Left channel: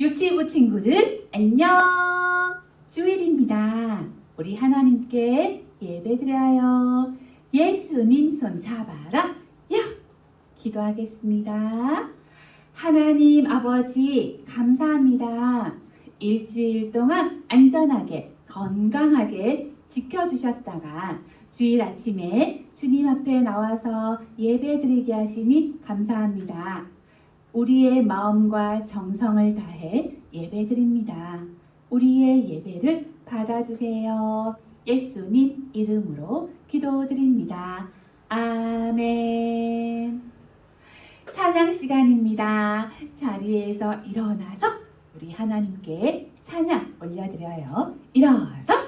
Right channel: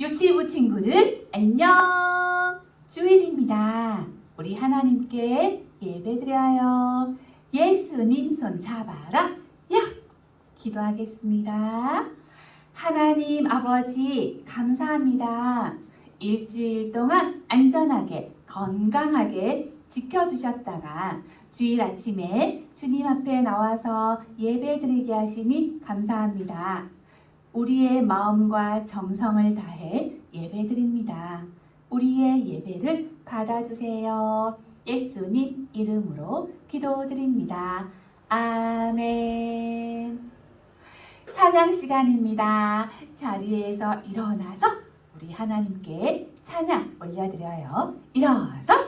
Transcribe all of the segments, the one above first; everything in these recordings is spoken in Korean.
유치부 친구들 안녕 주일입니다. 우리 하나님께 예배드려요. 예수님 손 잡아라. 야 기도하겠습니다. 하나님 아버지 감사합니다. 일주일 동안 안전하게 건강하게 지켜주셨다가 주일 아침에 주님 앞에 나와서 예배드리게 하시니 감사합니다. 우리의 마음과 정성을 다해 예배드립니다. 우리의 예배를 받아주세요. 예수님 이름으로 기도드립니다. 아멘. 찬양 시간입니다. 자리에서 일어나서 우리 하나님께 찬양 올려드려요. 일어서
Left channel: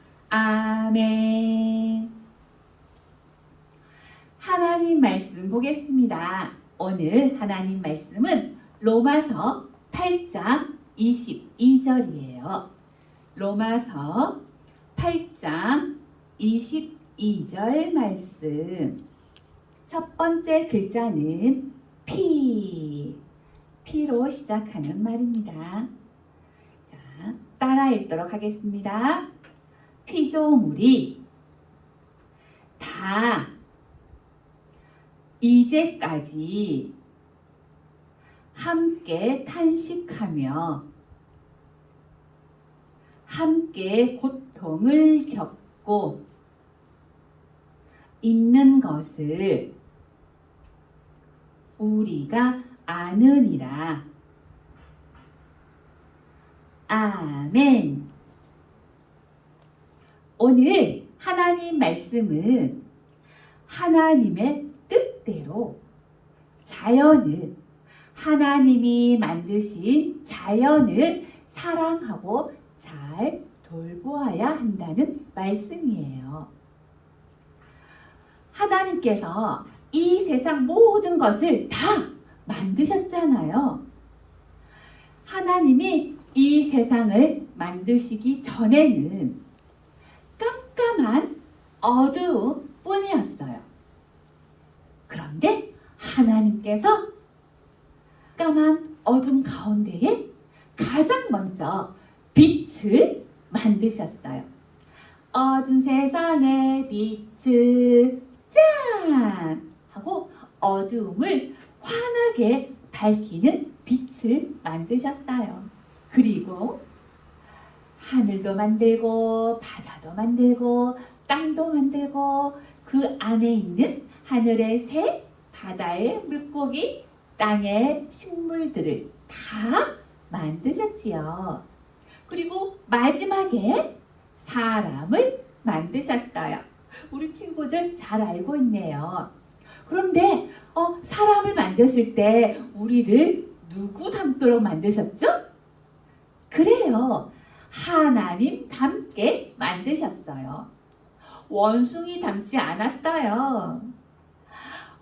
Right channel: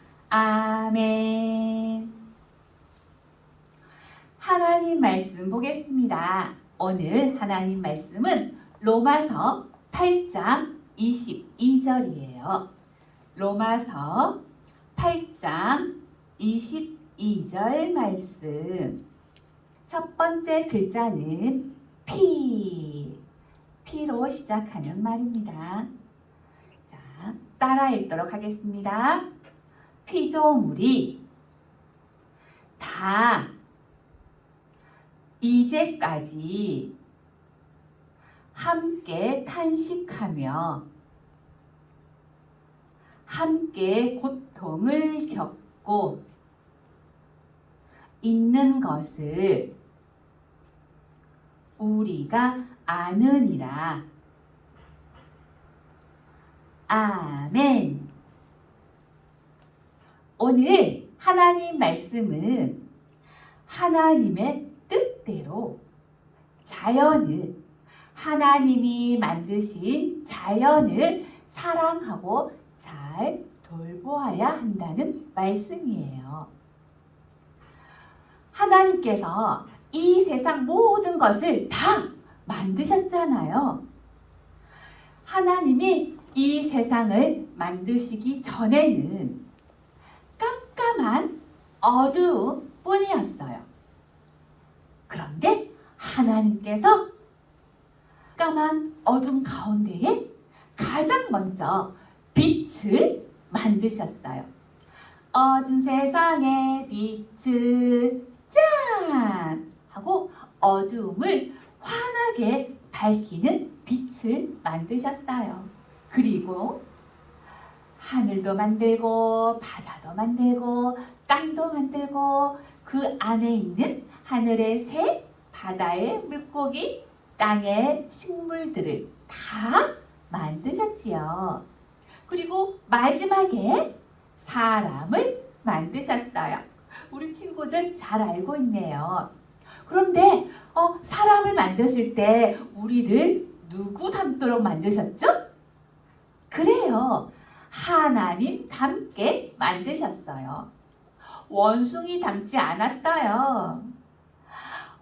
아멘. 하나님 말씀 보겠습니다. 오늘 하나님 말씀은 로마서 8장 22절이에요. 로마서 8장 22절 말씀. 첫 번째 글자는 피. 피로 시작하는 말입니다. 자, 따라 읽도록 하겠습니다. 피조물이 다 이제까지 함께 탄식하며 함께 고통을 겪고 있는 것을 우리가 아느니라. 아멘. 오늘 하나님 말씀은 하나님의 뜻대로 자연을 하나님이 만드신 자연을 사랑하고 잘 돌보아야 한다는 말씀이에요. 하나님께서 이 세상 모든 것을 다 만드셨잖아요. 하나님이 이 세상을 만드시기 전에는 깜깜한 어두움 뿐이었어요. 그런데 하나님께서 까만 어둠 가운데에 가장 먼저 빛을 만드셨어요. 어두운 세상의 빛을 짠! 하고 어두움을 환하게 밝히는 빛을 만드셨어요. 그리고 하늘도 만들고 바다도 만들고 땅도 만들고 그 안에 있는 하늘의 새, 바다의 물고기, 땅의 식물들을 다 만드셨지요. 그리고 마지막에 사람을 만드셨어요. 우리 친구들 잘 알고 있네요. 그런데 어, 사람을 만드실 때 우리를 누구 닮도록 만드셨죠? 그래요. 하나님 닮게 만드셨어요. 원숭이 닮지 않았어요.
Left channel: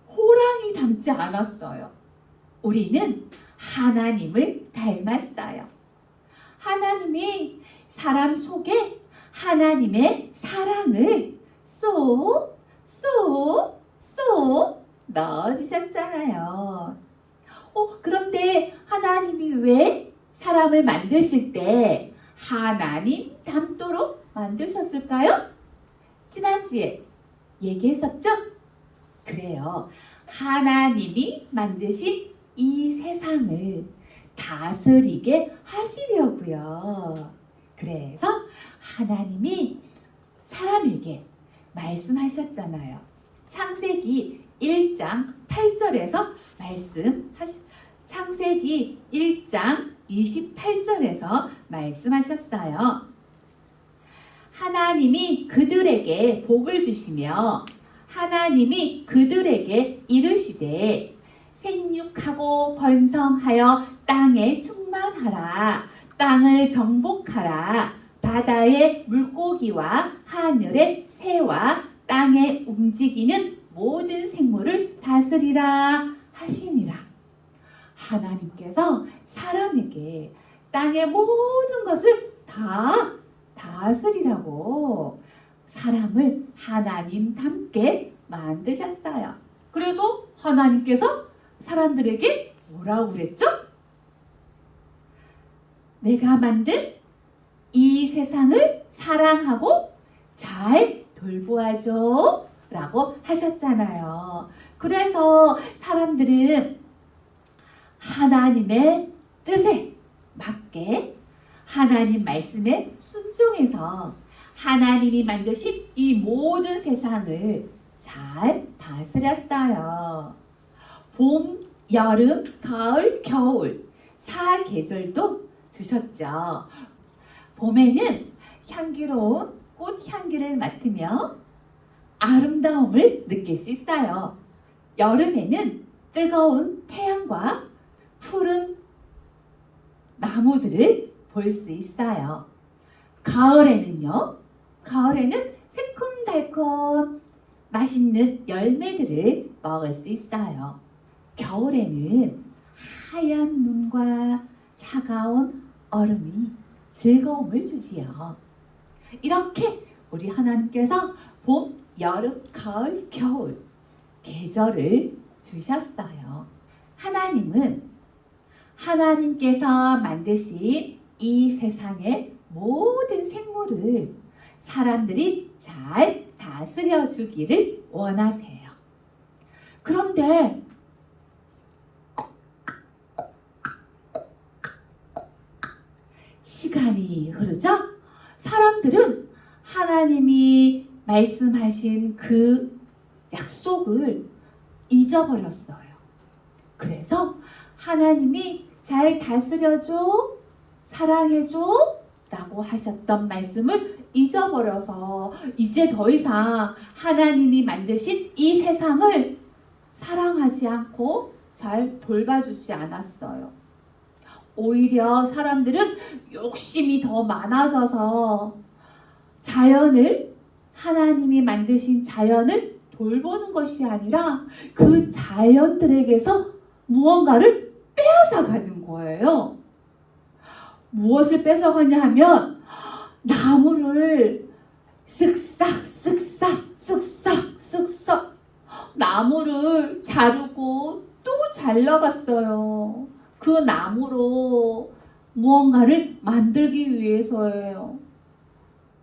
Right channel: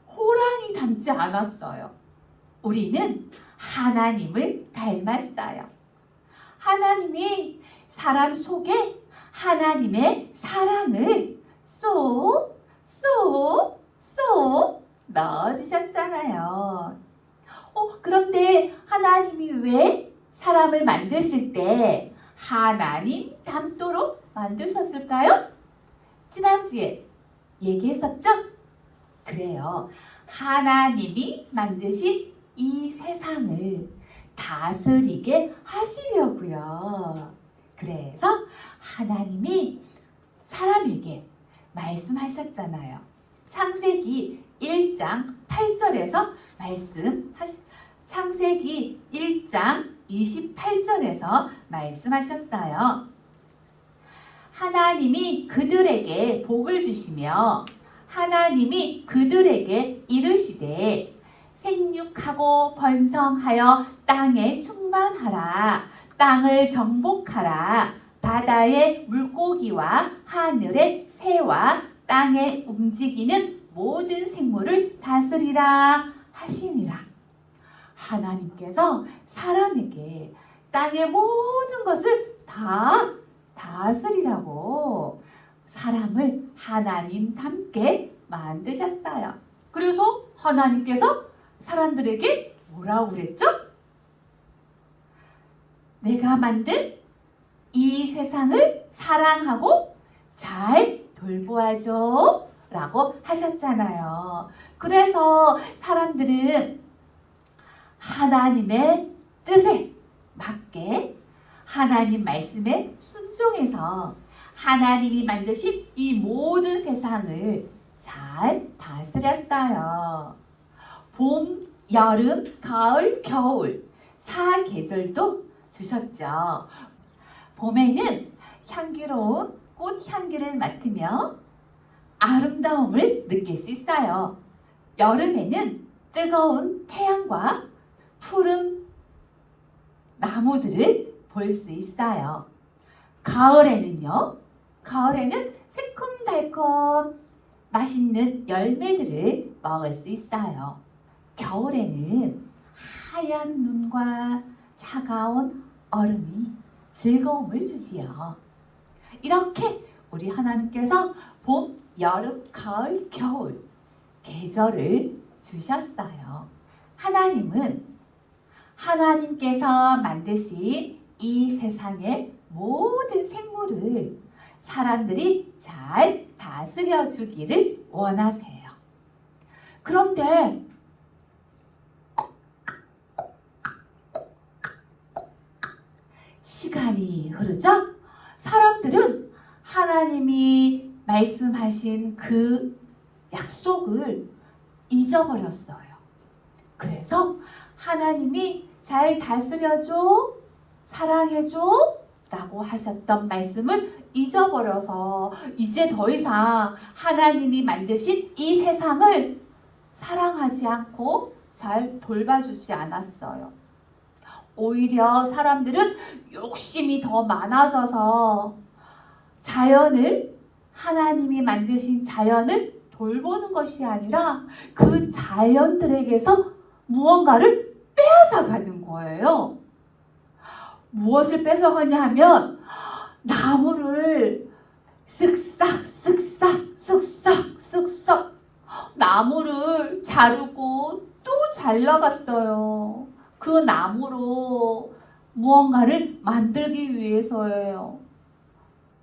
호랑이 닮지 않았어요. 우리는 하나님을 닮았어요. 하나님이 사람 속에 하나님의 사랑을 쏙, 쏙, 쏙 넣어주셨잖아요. 어, 그런데 하나님이 왜 사람을 만드실 때 하나님 닮도록 만드셨을까요? 지난주에 얘기했었죠? 그래요. 하나님이 만드신 이 세상을 다스리게 하시려고요. 그래서 하나님이 사람에게 말씀하셨잖아요. 창세기 1장 8절에서 말씀하시 창세기 1장 28절에서 말씀하셨어요. 하나님이 그들에게 복을 주시며 하나님이 그들에게 이르시되 생육하고 번성하여 땅에 충만하라. 땅을 정복하라. 바다의 물고기와 하늘의 새와 땅에 움직이는 모든 생물을 다스리라 하시니라. 하나님께서 사람에게 땅의 모든 것을 다 다스리라고 사람을 하나님 닮게 만드셨어요. 그래서 하나님께서 사람들에게 뭐라고 그랬죠? 내가 만든 이 세상을 사랑하고 잘 돌보아줘 라고 하셨잖아요. 그래서 사람들은 하나님의 뜻에 맞게 하나님 말씀에 순종해서 하나님이 만드신 이 모든 세상을 잘 다스렸어요. 봄, 여름, 가을, 겨울 사 계절도 주셨죠. 봄에는 향기로운 꽃 향기를 맡으며 아름다움을 느낄 수 있어요. 여름에는 뜨거운 태양과 푸른 나무들을 볼 수 있어요. 가을에는요, 가을에는 새콤달콤 맛있는 열매들을 먹을 수 있어요. 겨울에는 하얀 눈과 차가운 얼음이 즐거움을 주지요. 이렇게 우리 하나님께서 봄, 여름, 가을, 겨울 계절을 주셨어요. 하나님은 하나님께서 만드신 이 세상의 모든 생물을 사람들이 잘 다스려 주기를 원하세요. 그런데 시간이 흐르자 사람들은 하나님이 말씀하신 그 약속을 잊어버렸어요. 그래서 하나님이 잘 다스려줘, 사랑해줘 라고 하셨던 말씀을 잊어버려서 이제 더 이상 하나님이 만드신 이 세상을 사랑하지 않고 잘 돌봐주지 않았어요. 오히려 사람들은 욕심이 더 많아져서 자연을 하나님이 만드신 자연을 돌보는 것이 아니라 그 자연들에게서 무언가를 빼앗아 가는 거예요. 무엇을 뺏어가냐 하면 나무를 쓱싹 쓱싹 쓱싹 쓱싹 나무를 자르고 또 잘라갔어요. 그 나무로 무언가를 만들기 위해서예요.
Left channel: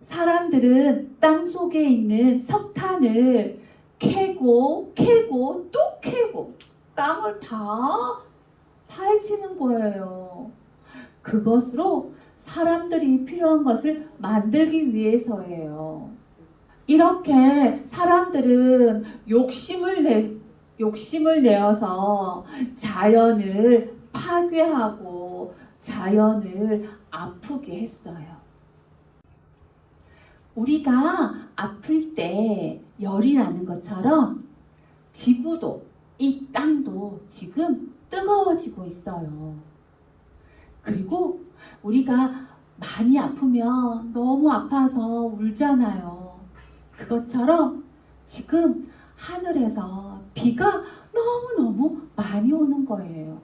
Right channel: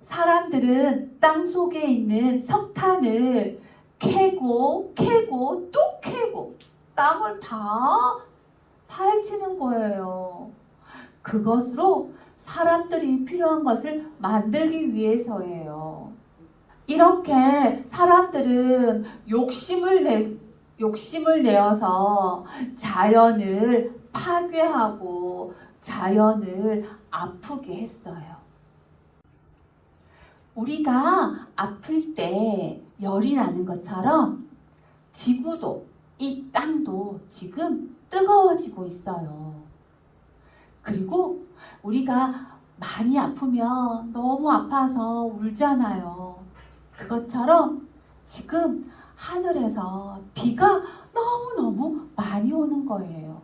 사람들은 땅 속에 있는 석탄을 캐고 캐고 또 캐고 땅을 다 파헤치는 거예요. 그것으로 사람들이 필요한 것을 만들기 위해서예요. 이렇게 사람들은 욕심을 내 욕심을 내어서 자연을 파괴하고 자연을 아프게 했어요. 우리가 아플 때 열이 나는 것처럼 지구도 이 땅도 지금 뜨거워지고 있어요. 그리고 우리가 많이 아프면 너무 아파서 울잖아요. 그것처럼 지금 하늘에서 비가 너무너무 많이 오는 거예요.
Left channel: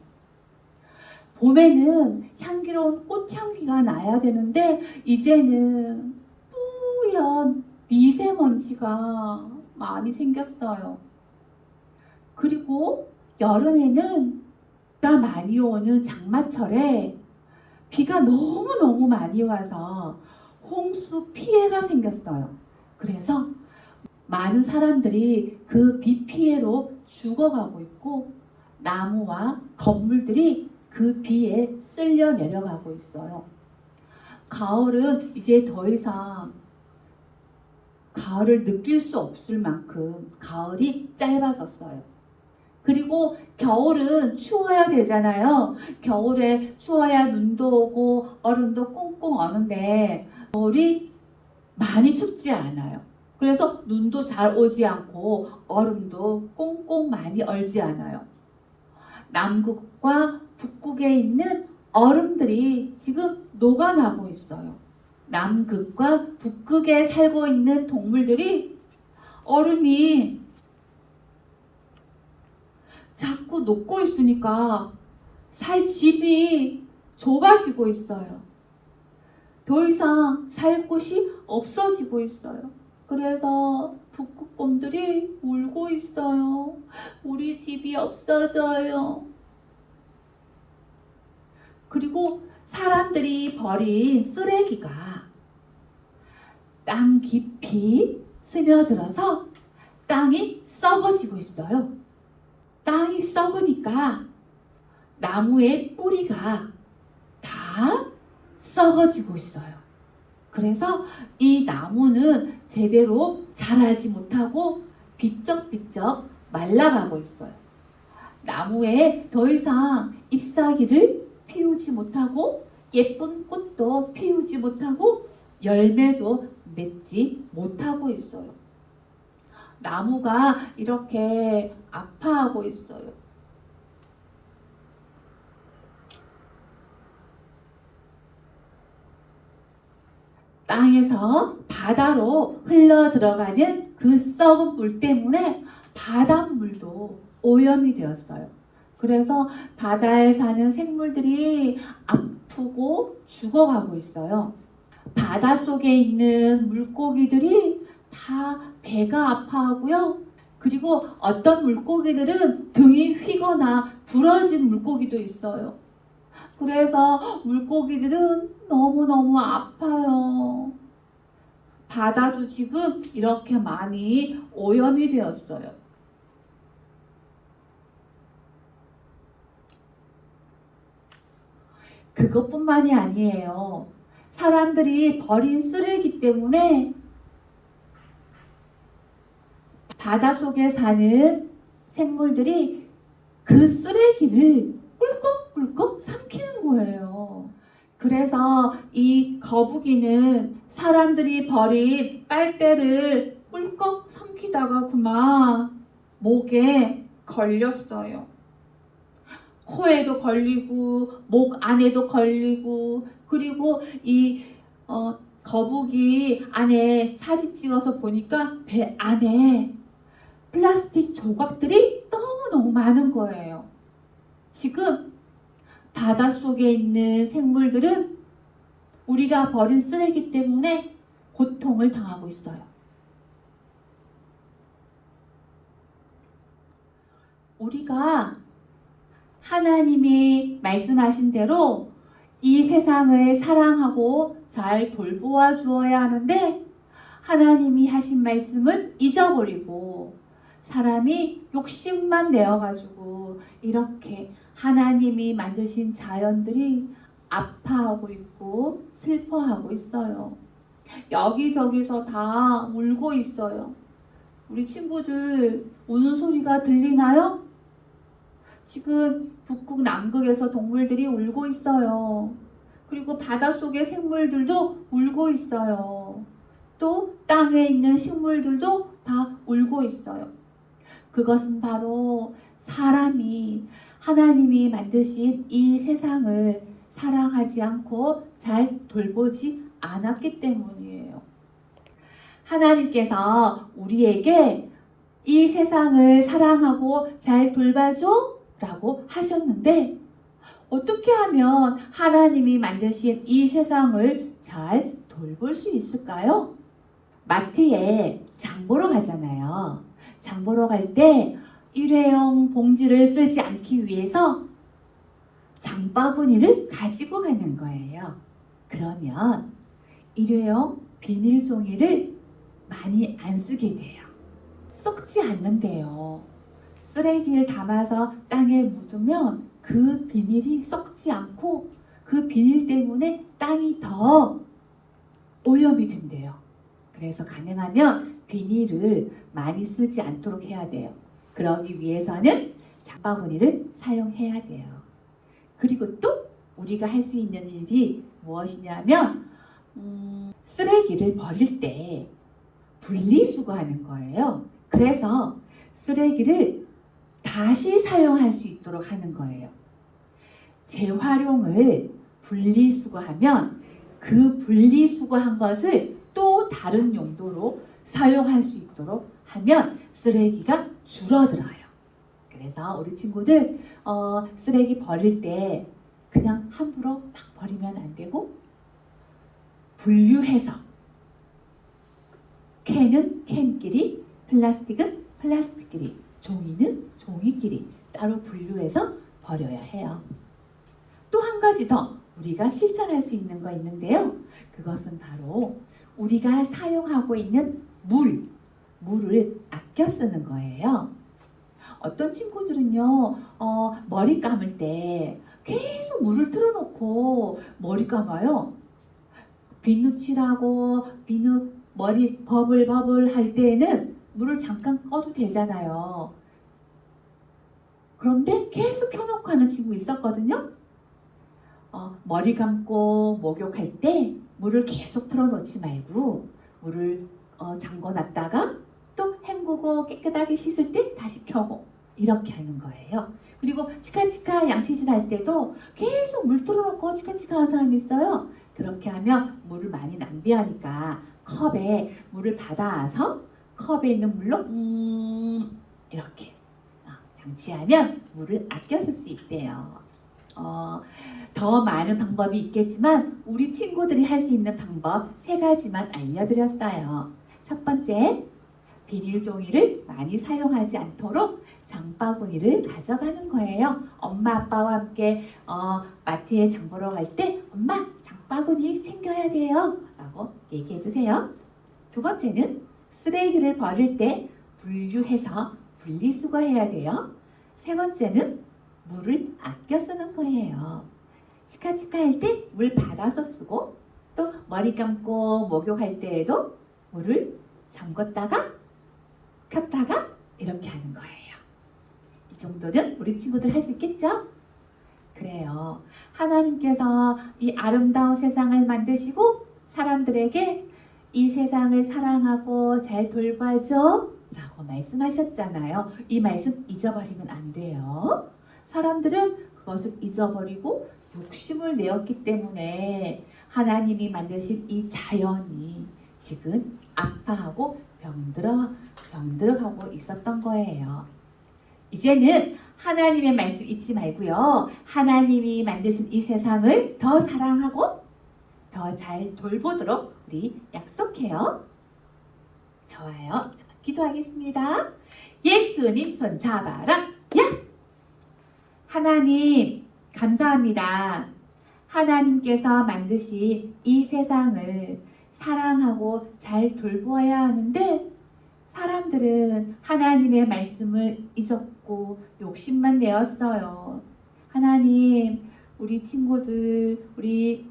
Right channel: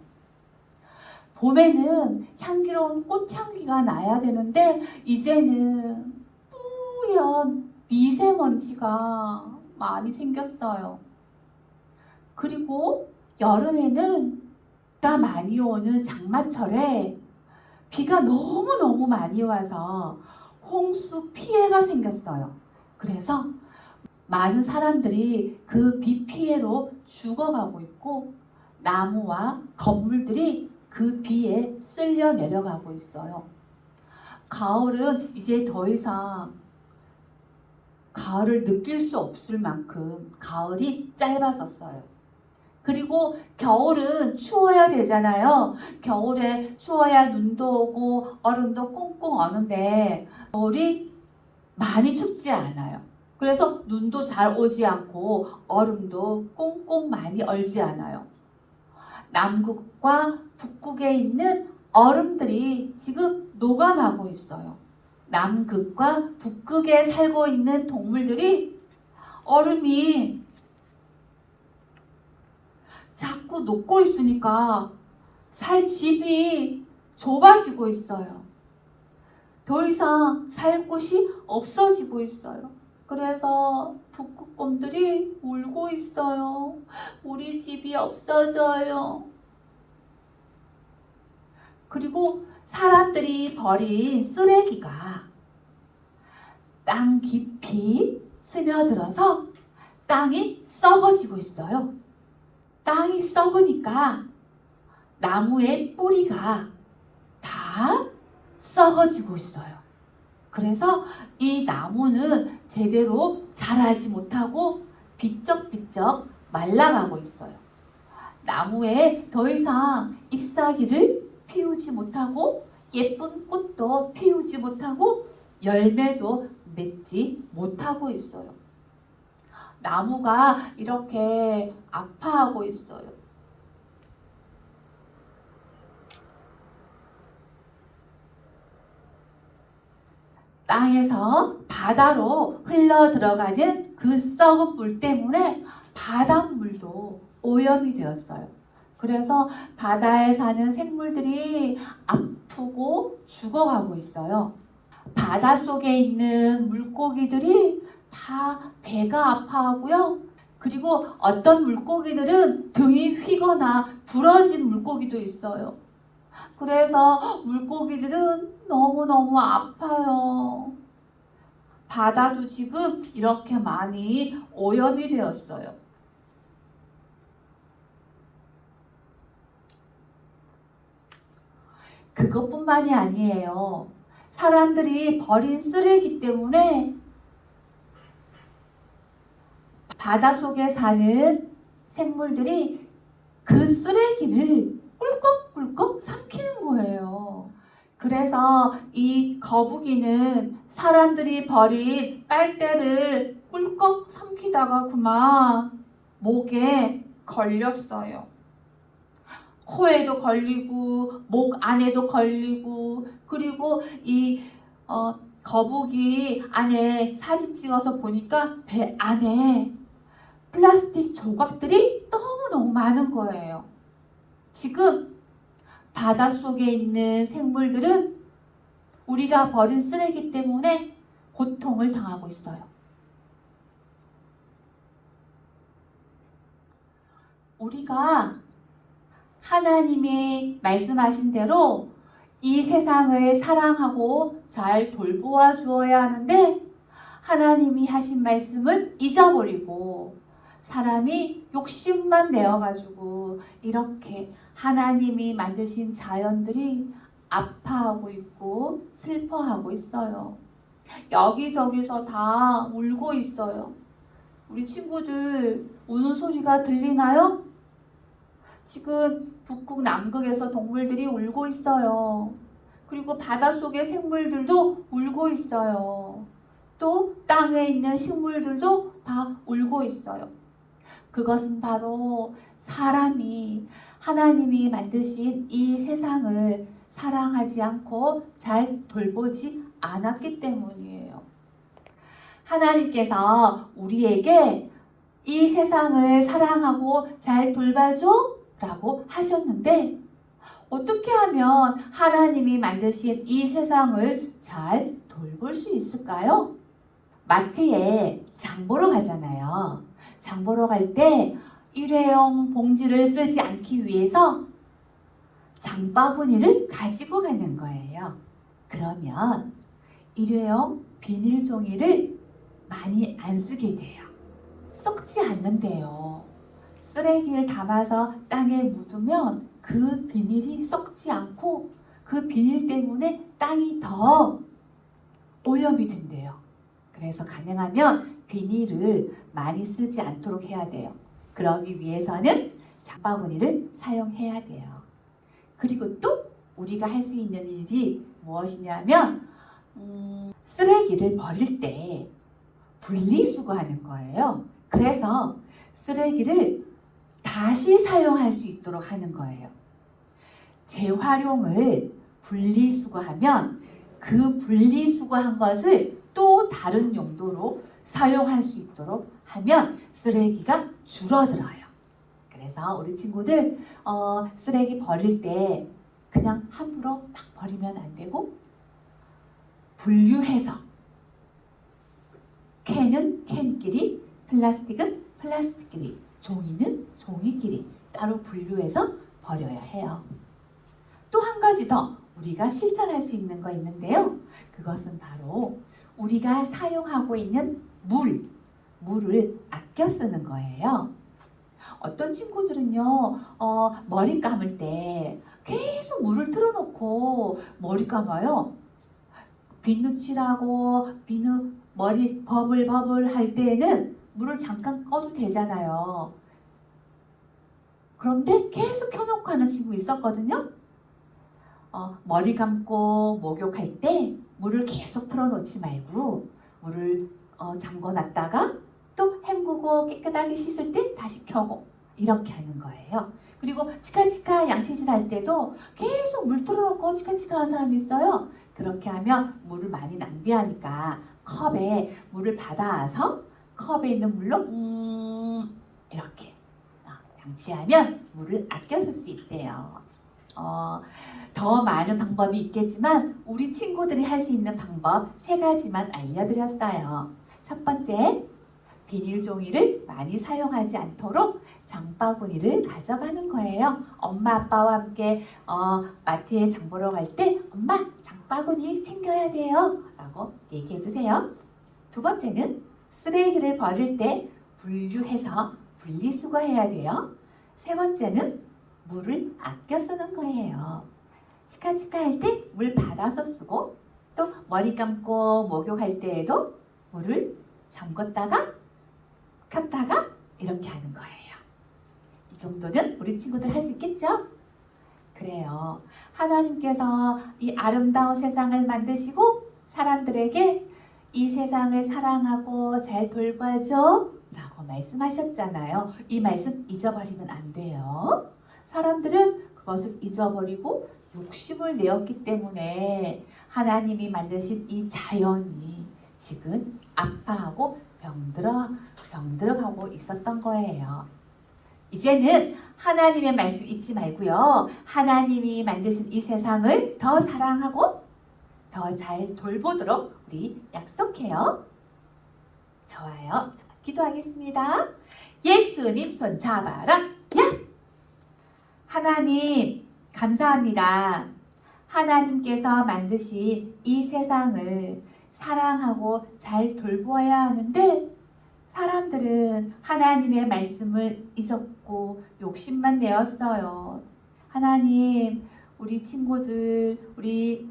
봄에는 향기로운 꽃향기가 나야 되는데 이제는 뿌연 미세먼지가 많이 생겼어요. 그리고 여름에는 비가 많이 오는 장마철에 비가 너무너무 많이 와서 홍수 피해가 생겼어요. 그래서 많은 사람들이 그 비 피해로 죽어가고 있고 나무와 건물들이 그 비에 쓸려 내려가고 있어요. 가을은 이제 더 이상 가을을 느낄 수 없을 만큼 가을이 짧아졌어요. 그리고 겨울은 추워야 되잖아요. 겨울에 추워야 눈도 오고 얼음도 꽁꽁 얼는데 겨울이 많이 춥지 않아요. 그래서 눈도 잘 오지 않고 얼음도 꽁꽁 많이 얼지 않아요. 남극과 북극에 있는 얼음들이 지금 녹아나고 있어요. 남극과 북극에 살고 있는 동물들이 얼음이 자꾸 녹고 있으니까 살 집이 좁아지고 있어요. 더 이상 살 곳이 없어지고 있어요. 그래서 북극곰들이 울고 있어요. 우리 집이 없어져요. 그리고 사람들이 버린 쓰레기가 땅 깊이 스며들어서 땅이 썩어지고 있어요. 땅이 썩으니까 나무의 뿌리가 다 썩어지고 있어요. 그래서 이 나무는 제대로 자라지 못하고 비쩍비쩍 말라가고 있어요. 나무에 더 이상 잎사귀를 피우지 못하고 예쁜 꽃도 피우지 못하고 열매도 맺지 못하고 있어요. 나무가 이렇게 아파하고 있어요. 땅에서 바다로 흘러 들어가는 그 썩은 물 때문에 바닷물도 오염이 되었어요. 그래서 바다에 사는 생물들이 아프고 죽어가고 있어요. 바다 속에 있는 물고기들이 다 배가 아파하고요. 그리고 어떤 물고기들은 등이 휘거나 부러진 물고기도 있어요. 그래서 물고기들은 너무너무 아파요. 바다도 지금 이렇게 많이 오염이 되었어요. 그것뿐만이 아니에요. 사람들이 버린 쓰레기 때문에 바다 속에 사는 생물들이 그 쓰레기를 꿀꺽꿀꺽 삼키는 거예요. 그래서 이 거북이는 사람들이 버린 빨대를 꿀꺽 삼키다가 그만 목에 걸렸어요. 코에도 걸리고 목 안에도 걸리고 그리고 이 어, 거북이 안에 사진 찍어서 보니까 배 안에 플라스틱 조각들이 너무너무 많은 거예요. 지금 바닷속에 있는 생물들은 우리가 버린 쓰레기 때문에 고통을 당하고 있어요. 우리가 하나님이 말씀하신 대로 이 세상을 사랑하고 잘 돌보아 주어야 하는데 하나님이 하신 말씀을 잊어버리고 사람이 욕심만 내어가지고 이렇게 하나님이 만드신 자연들이 아파하고 있고 슬퍼하고 있어요. 여기저기서 다 울고 있어요. 우리 친구들 우는 소리가 들리나요? 지금 북극 남극에서 동물들이 울고 있어요. 그리고 바닷속의 생물들도 울고 있어요. 또 땅에 있는 식물들도 다 울고 있어요. 그것은 바로 사람이 하나님이 만드신 이 세상을 사랑하지 않고 잘 돌보지 않았기 때문이에요. 하나님께서 우리에게 이 세상을 사랑하고 잘 돌봐줘 라고 하셨는데 어떻게 하면 하나님이 만드신 이 세상을 잘 돌볼 수 있을까요? 마트에 장 보러 가잖아요. 장 보러 갈 때 일회용 봉지를 쓰지 않기 위해서 장바구니를 가지고 가는 거예요. 그러면 일회용 비닐 종이를 많이 안 쓰게 돼요. 썩지 않는데요. 쓰레기를 담아서 땅에 묻으면 그 비닐이 썩지 않고 그 비닐 때문에 땅이 더 오염이 된대요. 그래서 가능하면 비닐을 많이 쓰지 않도록 해야 돼요. 그러기 위해서는 장바구니를 사용해야 돼요. 그리고 또 우리가 할 수 있는 일이 무엇이냐면 음, 쓰레기를 버릴 때 분리수거하는 거예요. 그래서 쓰레기를 다시 사용할 수 있도록 하는 거예요. 재활용을 분리수거하면 그 분리수거한 것을 또 다른 용도로 사용할 수 있도록 하면 쓰레기가 줄어들어요. 그래서 우리 친구들 어, 쓰레기 버릴 때 그냥 함부로 막 버리면 안 되고 분류해서 캔은 캔끼리, 플라스틱은 플라스틱끼리, 종이는 종이끼리 따로 분류해서 버려야 해요. 또 한 가지 더 우리가 실천할 수 있는 거 있는데요. 그것은 바로 우리가 사용하고 있는 물, 물을 아껴 쓰는 거예요. 어떤 친구들은요, 어, 머리 감을 때 계속 물을 틀어놓고 머리 감아요. 비누 칠하고 비누 머리 버블 버블 할 때에는 물을 잠깐 꺼도 되잖아요. 그런데 계속 켜놓고 하는 친구 있었거든요. 어, 머리 감고 목욕할 때 물을 계속 틀어놓지 말고 물을 어, 잠궈놨다가 또 헹구고 깨끗하게 씻을 때 다시 켜고 이렇게 하는 거예요. 그리고 치카치카 양치질 할 때도 계속 물 틀어놓고 치카치카 하는 사람이 있어요. 그렇게 하면 물을 많이 낭비하니까 컵에 물을 받아서 컵에 있는 물로 음 이렇게 어, 양치하면 물을 아껴 쓸 수 있대요. 어, 더 많은 방법이 있겠지만 우리 친구들이 할 수 있는 방법 세 가지만 알려드렸어요. 첫 번째, 비닐 종이를 많이 사용하지 않도록 장바구니를 가져가는 거예요. 엄마 아빠와 함께 어, 마트에 장 보러 갈 때 엄마 장바구니 챙겨야 돼요. 라고 얘기해 주세요. 두 번째는 쓰레기를 버릴 때 분류해서 분리수거해야 돼요. 세 번째는 물을 아껴 쓰는 거예요. 치카치카 할 때 물 받아서 쓰고 또 머리 감고 목욕할 때에도 물을 잠궜다가 켰다가 이렇게 하는 거예요. 이 정도는 우리 친구들 할 수 있겠죠? 그래요. 하나님께서 이 아름다운 세상을 만드시고 사람들에게 이 세상을 사랑하고 잘 돌봐줘 라고 말씀하셨잖아요. 이 말씀 잊어버리면 안 돼요. 사람들은 그것을 잊어버리고 욕심을 내었기 때문에 하나님이 만드신 이 자연이 지금 아파하고 병들어 병들어 가고 있었던 거예요. 이제는 하나님의 말씀 잊지 말고요. 하나님이 만드신 이 세상을 더 사랑하고 더 잘 돌보도록 우리 약속해요. 좋아요. 자, 기도하겠습니다. 예수님 손 잡아라. 야! 하나님 감사합니다. 하나님께서 만드신 이 세상을 사랑하고 잘 돌보아야 하는데 사람들은 하나님의 말씀을 잊었고 욕심만 내었어요. 하나님, 우리 친구들, 우리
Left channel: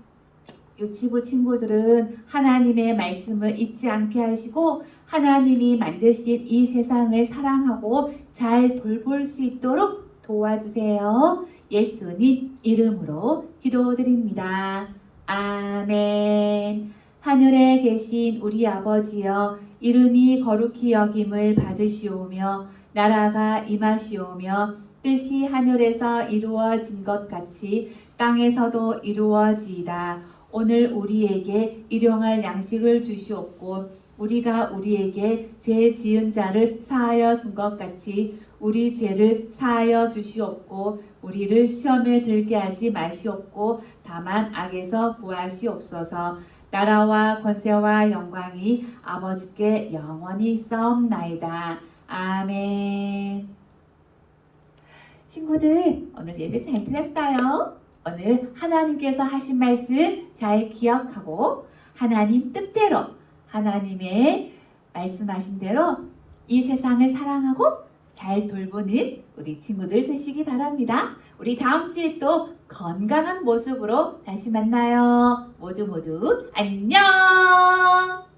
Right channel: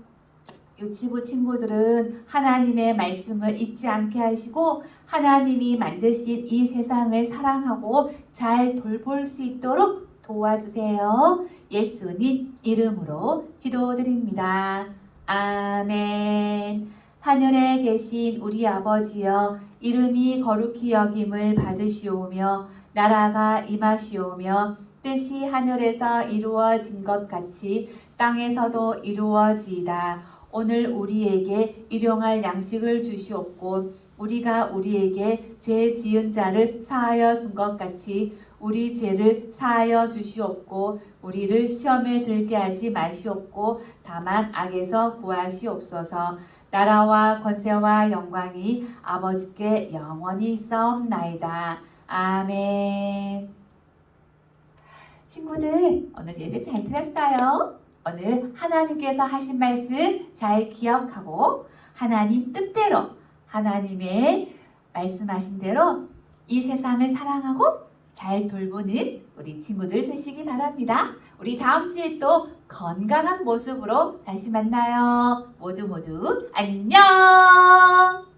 유치부 친구들은 하나님의 말씀을 잊지 않게 하시고 하나님이 만드신 이 세상을 사랑하고 잘 돌볼 수 있도록 도와주세요. 예수님 이름으로 기도드립니다. 아멘. 하늘에 계신 우리 아버지여 이름이 거룩히 여김을 받으시오며 나라가 임하시오며 뜻이 하늘에서 이루어진 것 같이 땅에서도 이루어지이다. 오늘 우리에게 일용할 양식을 주시옵고 우리가 우리에게 죄 지은 자를 사하여 준 것 같이 우리 죄를 사하여 주시옵고 우리를 시험에 들게 하지 마시옵고 다만 악에서 구하시옵소서. 나라와 권세와 영광이 아버지께 영원히 싸움나이다. 아멘. 친구들 오늘 예배 잘 들었어요? 오늘 하나님께서 하신 말씀 잘 기억하고 하나님 뜻대로 하나님의 말씀하신 대로 이 세상을 사랑하고 잘 돌보는 우리 친구들 되시기 바랍니다. 우리 다음 주에 또 건강한 모습으로 다시 만나요. 모두 모두 안녕!